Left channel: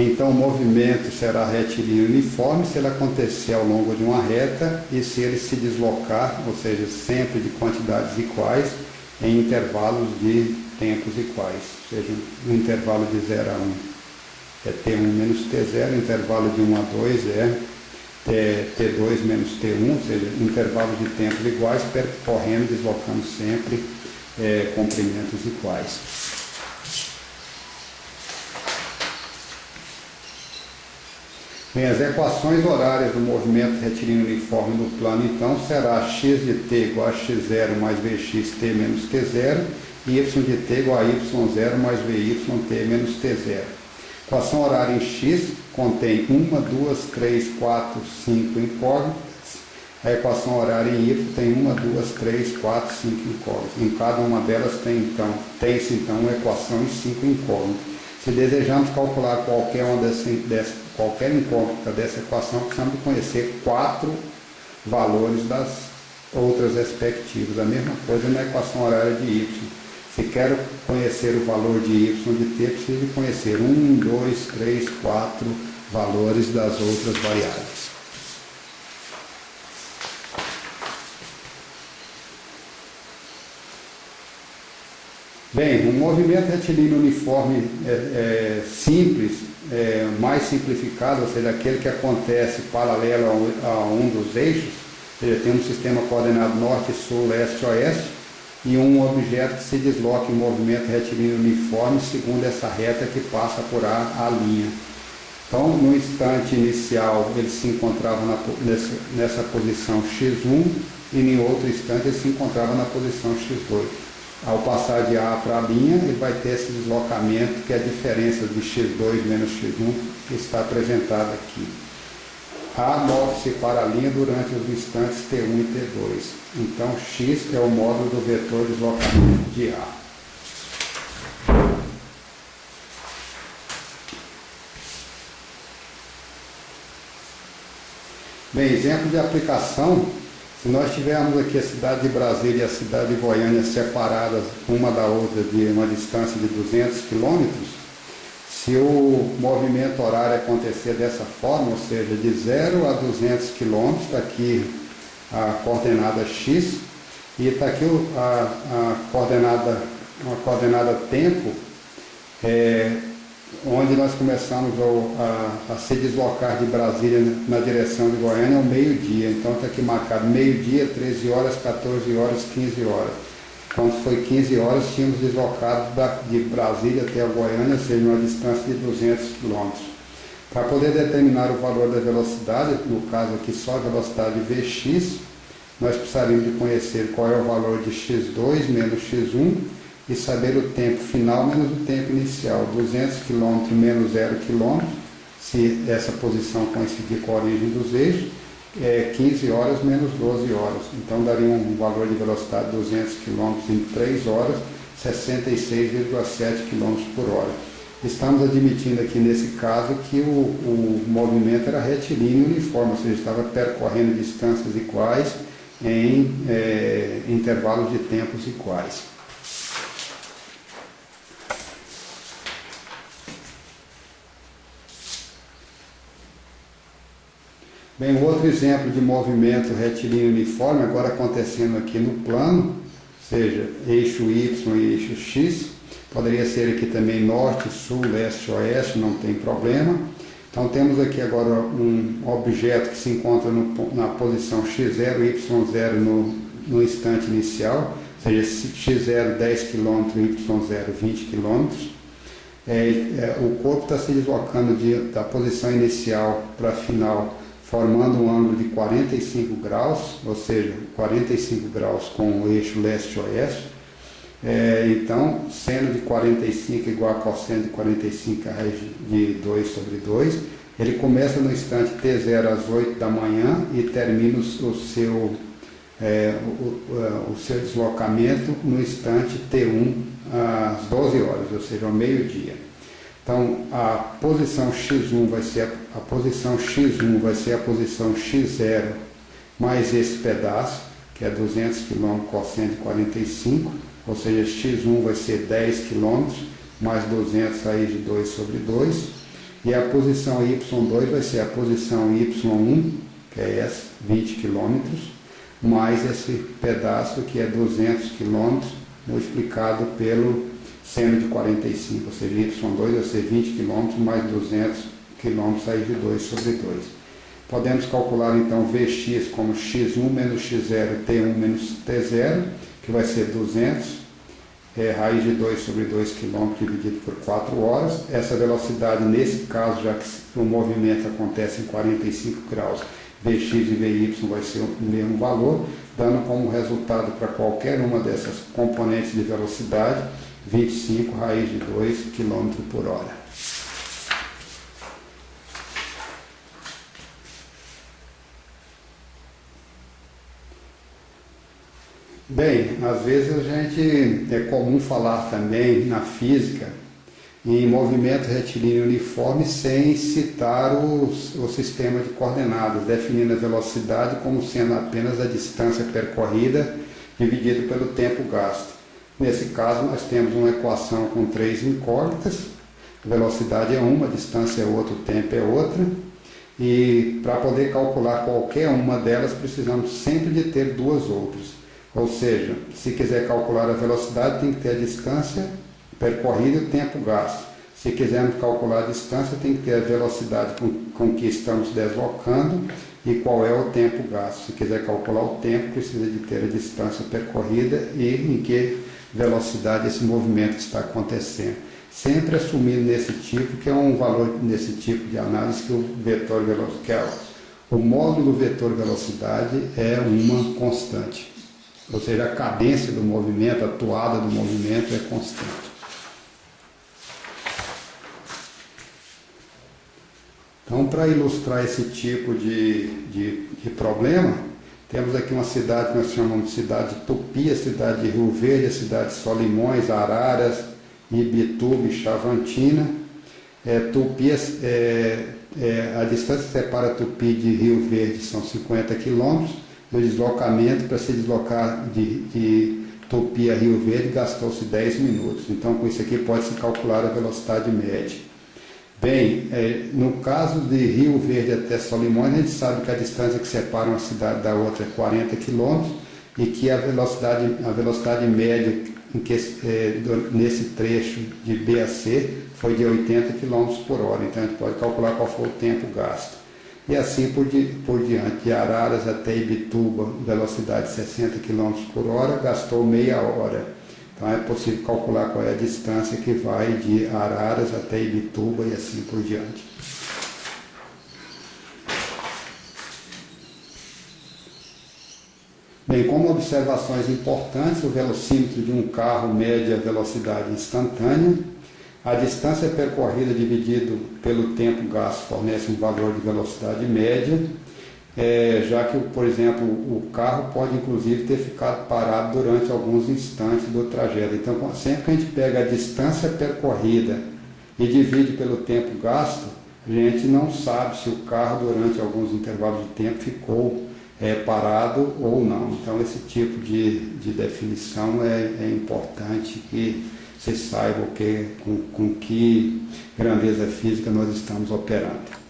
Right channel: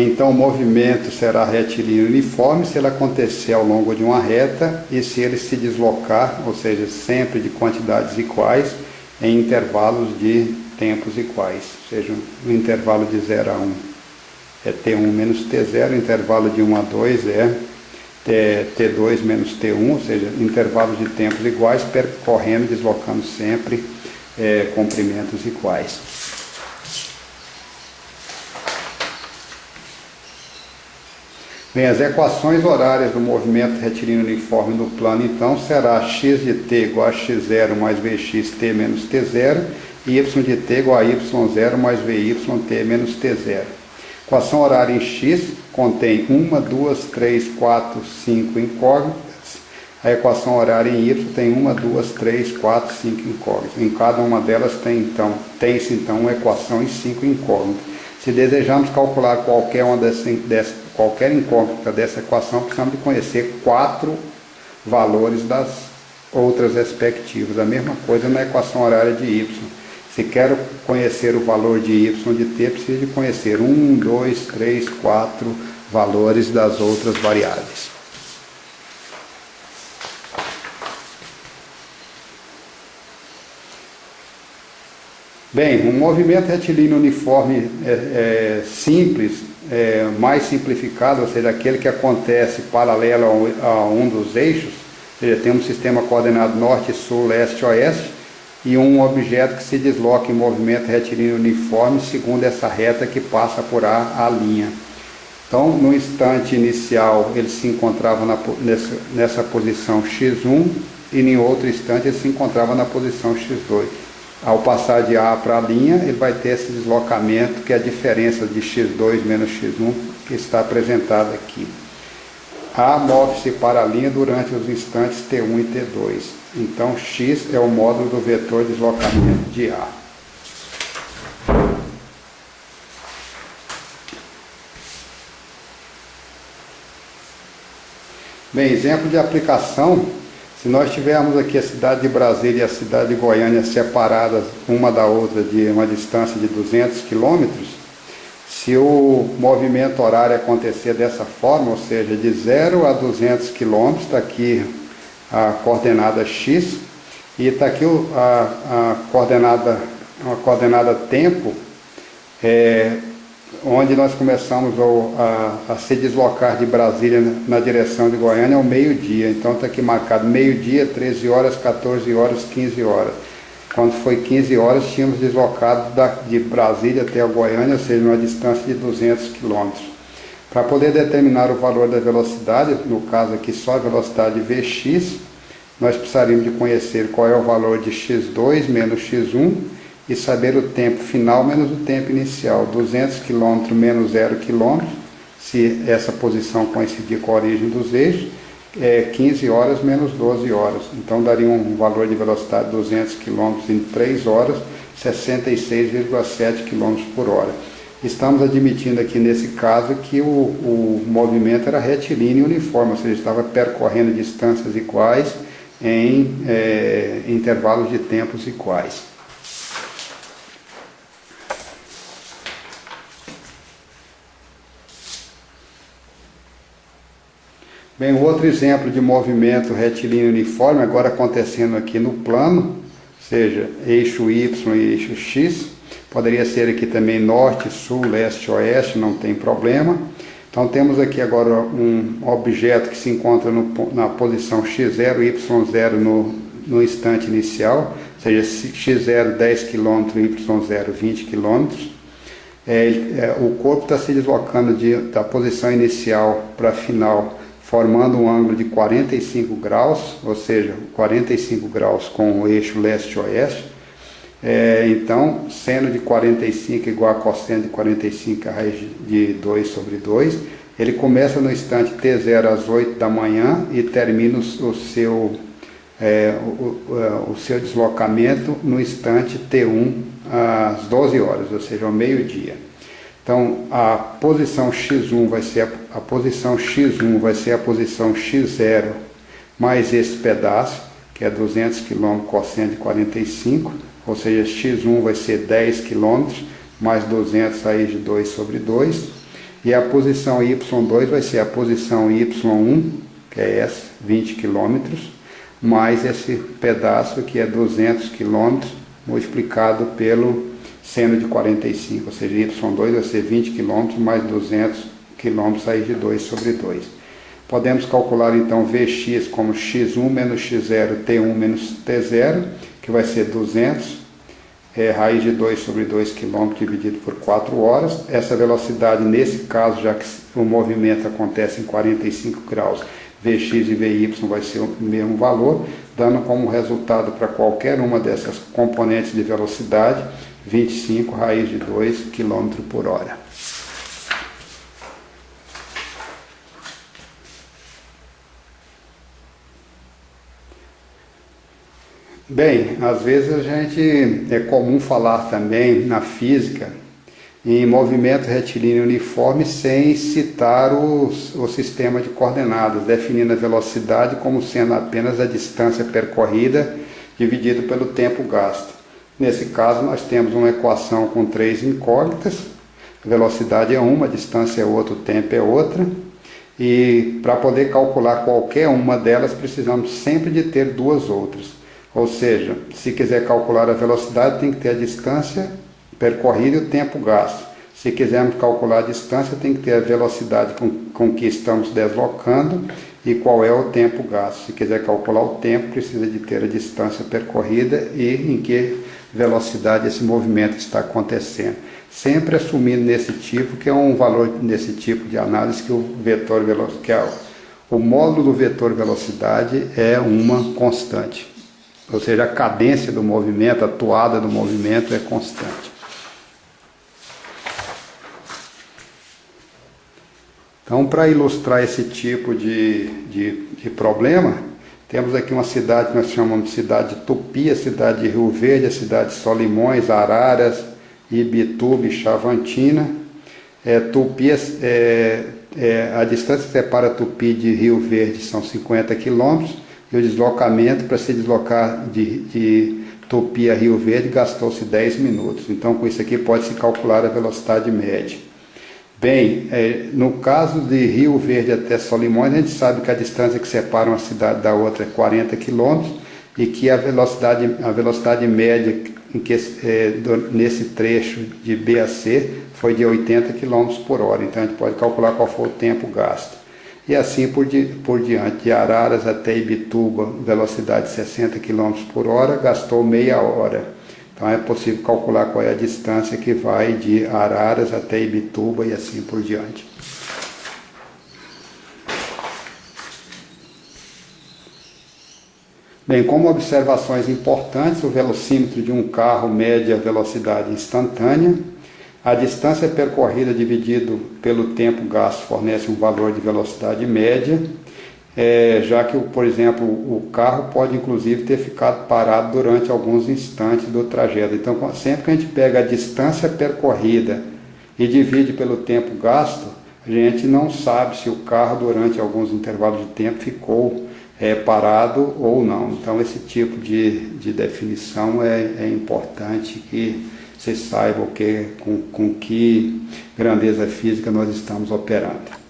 Então o movimento será retilíneo uniforme se ele acontecer ao longo de uma reta e se ele se deslocar, ou seja, sempre de quantidades iguais, em intervalos de tempos iguais, ou seja, o intervalo de 0 a 1 é T1 menos T0, o intervalo de 1 a 2 é T2 menos T1, ou seja, intervalos de tempos iguais, percorrendo, deslocando sempre comprimentos iguais. Bem, as equações horárias do movimento retilíneo uniforme no plano, então, será x de t igual a x0 mais vx t menos t0 e y de t igual a y0 mais vy t menos t0. Equação horária em x contém 1, 2, 3, 4, 5 incógnitas. A equação horária em y tem 1, 2, 3, 4, 5 incógnitas. Em cada uma delas tem-se então uma equação e 5 incógnitas. Se desejamos calcular qualquer incógnita dessa equação, precisamos de conhecer 4 valores das outras respectivas. A mesma coisa na equação horária de y. Se quero conhecer o valor de y de t, preciso de conhecer 1, 2, 3, 4 valores das outras variáveis. Bem, um movimento retilíneo uniforme simples, mais simplificado, ou seja, aquele que acontece paralelo a um dos eixos, ou seja, tem um sistema coordenado norte, sul, leste, oeste, e um objeto que se desloca em movimento retilíneo uniforme segundo essa reta que passa por a linha. Então, no instante inicial, ele se encontrava nessa posição x1 e em outro instante ele se encontrava na posição x2. Ao passar de A para a linha, ele vai ter esse deslocamento, que é a diferença de x2 menos x1, que está apresentado aqui. A move-se para a linha durante os instantes T1 e T2. Então, x é o módulo do vetor de deslocamento de A. Bem, exemplo de aplicação. Se nós tivermos aqui a cidade de Brasília e a cidade de Goiânia separadas uma da outra de uma distância de 200 quilômetros, se o movimento horário acontecer dessa forma, ou seja, de 0 a 200 quilômetros, está aqui a coordenada x e está aqui a coordenada tempo, onde nós começamos a se deslocar de Brasília na direção de Goiânia ao meio-dia. Então está aqui marcado meio-dia, 13 horas, 14 horas, 15 horas. Quando foi 15 horas, tínhamos deslocado de Brasília até a Goiânia, ou seja, uma distância de 200 km. Para poder determinar o valor da velocidade, no caso aqui só a velocidade Vx, nós precisaríamos de conhecer qual é o valor de x2 menos x1, e saber o tempo final menos o tempo inicial, 200 km menos 0 km, se essa posição coincidir com a origem dos eixos, 15 horas menos 12 horas. Então daria um valor de velocidade de 200 km em 3 horas, 66,7 km por hora. Estamos admitindo aqui nesse caso que o movimento era retilíneo uniforme, ou seja, estava percorrendo distâncias iguais em intervalos de tempos iguais. Bem, outro exemplo de movimento retilíneo uniforme, agora acontecendo aqui no plano, ou seja, eixo Y e eixo X, poderia ser aqui também norte, sul, leste, oeste, não tem problema. Então temos aqui agora um objeto que se encontra na posição x0 e y0 no instante inicial, ou seja, x0 10 km, y0 20 km. O corpo está se deslocando da posição inicial para a final, formando um ângulo de 45 graus, ou seja, 45 graus com o eixo leste-oeste. Então, seno de 45 igual a cosseno de 45, a raiz de 2 sobre 2. Ele começa no instante T0 às 8 da manhã e termina o seu deslocamento no instante T1 às 12 horas, ou seja, ao meio-dia. Então, a posição x1 vai ser a posição x0 mais esse pedaço, que é 200 km cosseno de 45, ou seja, x1 vai ser 10 km mais 200 raiz de 2 sobre 2. e a posição Y2 vai ser a posição Y1, que é essa, 20 km, mais esse pedaço que é 200 km multiplicado pelo seno de 45, ou seja, Y2 vai ser 20 km mais 200 km raiz de 2 sobre 2. Podemos calcular então Vx como x1 menos x0, t1 menos t0, que vai ser 200, raiz de 2 sobre 2 km dividido por 4 horas. Essa velocidade, nesse caso, já que o movimento acontece em 45 graus, Vx e Vy vai ser o mesmo valor, dando como resultado para qualquer uma dessas componentes de velocidade, 25 raiz de 2 km por hora. Bem, às vezes é comum falar também na física em movimento retilíneo uniforme sem citar o sistema de coordenadas, definindo a velocidade como sendo apenas a distância percorrida dividido pelo tempo gasto. Nesse caso, nós temos uma equação com 3 incógnitas, a velocidade é uma, a distância é outra, o tempo é outra, e para poder calcular qualquer uma delas, precisamos sempre de ter duas outras. Ou seja, se quiser calcular a velocidade, tem que ter a distância percorrida e o tempo gasto. Se quisermos calcular a distância, tem que ter a velocidade com que estamos deslocando e qual é o tempo gasto. Se quiser calcular o tempo, precisa de ter a distância percorrida e em que velocidade esse movimento está acontecendo. Sempre assumindo nesse tipo, que é um valor nesse tipo de análise, que o módulo do vetor velocidade é uma constante. Ou seja, a cadência do movimento, a toada do movimento é constante. Então, para ilustrar esse tipo de problema, temos aqui uma cidade que nós chamamos de cidade de Tupi, a cidade de Rio Verde, a cidade de Solimões, Araras, Ibituba e Chavantina. Tupi, a distância que separa Tupi de Rio Verde são 50 km, e o deslocamento para se deslocar de Tupi a Rio Verde gastou-se 10 minutos. Então, com isso aqui pode-se calcular a velocidade média. Bem, no caso de Rio Verde até Solimões, a gente sabe que a distância que separa uma cidade da outra é 40 km e que a velocidade média nesse trecho de B a C foi de 80 km por hora. Então, a gente pode calcular qual foi o tempo gasto. E assim por diante, de Araras até Ibituba, velocidade 60 km por hora, gastou meia hora. Então é possível calcular qual é a distância que vai de Araras até Ibituba e assim por diante. Bem, como observações importantes, o velocímetro de um carro mede a velocidade instantânea. A distância percorrida dividido pelo tempo gasto fornece um valor de velocidade média, já que, por exemplo, o carro pode inclusive ter ficado parado durante alguns instantes do trajeto. Então, sempre que a gente pega a distância percorrida e divide pelo tempo gasto, a gente não sabe se o carro durante alguns intervalos de tempo ficou parado ou não. Então, esse tipo de definição é importante que vocês saibam com que grandeza física nós estamos operando.